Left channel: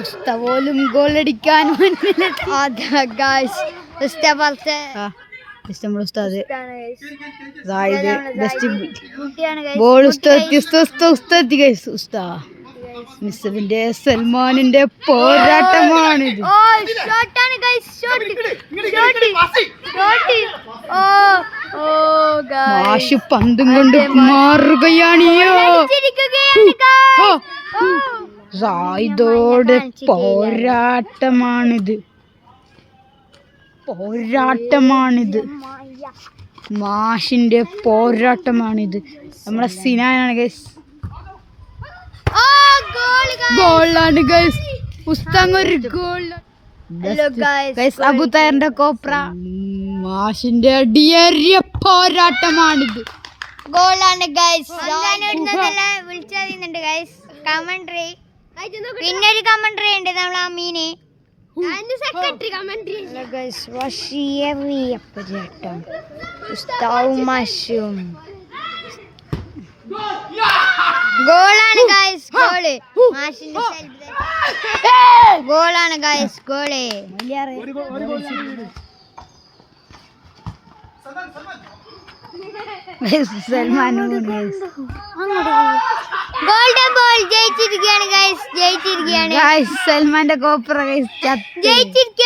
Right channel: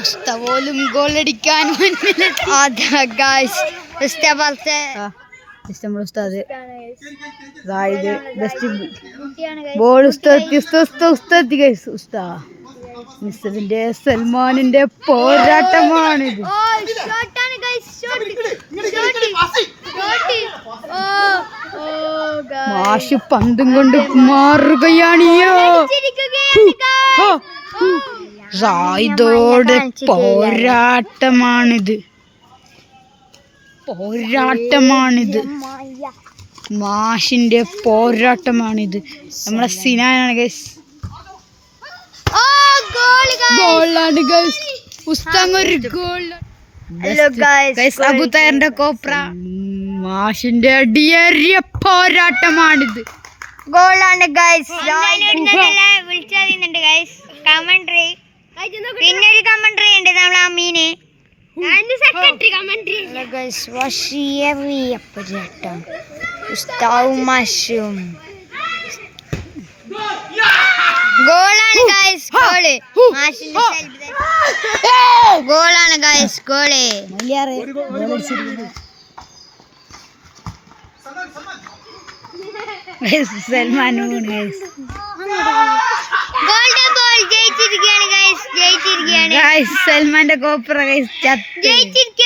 ഉസ്താദ് പോലും ഗോൾ അടിക്കാൻ ഉസ്താദ് ബോൾ മിസ്സവിന്റെ സൽമാനിന്റെ പോരാട്ടമാണിത്. മാഷ് പന്തും കൊണ്ട് മാറുകയാണിയോ. റായിദോടെ പോരാട്ടമാണിത്. മാഷിന്റെ പോരാട്ടമാണിത്. നമ്മളെ സിനാനാണ് ഗൈസ്. ഗോളാണ് ഗൈസ്. ഉസ്താങ്ങൊരു ഗോൾ. അബുതായറിന്റെ കോപ്ര. മാഷിന്റെ അടിയേറിയ പോരാട്ടമാണിത്. ഗോളാണ് ഗൈസ്. വിളിച്ചറിയുന്നുണ്ട് ഗൈസ്. കമന്ററി പിന്നൊരു കമന്ററി ഉണ്ട് നമ്മളെ അമീന്. പോരാട്ടം ഉസ്താവും മാഷും. ഗോളാണ് ഗൈസ്. ഗോള് മാഷിന്റെ ഗോളാണ് ഗൈസ്. ഗോള് സൽമാനും ജയിച്ചിരിക്കുകയാണ് ഗൈസ്. സൽമാന്റെ കോപ്പറ ഗൈസ് ജയിച്ചിരിക്കുകയാണ്.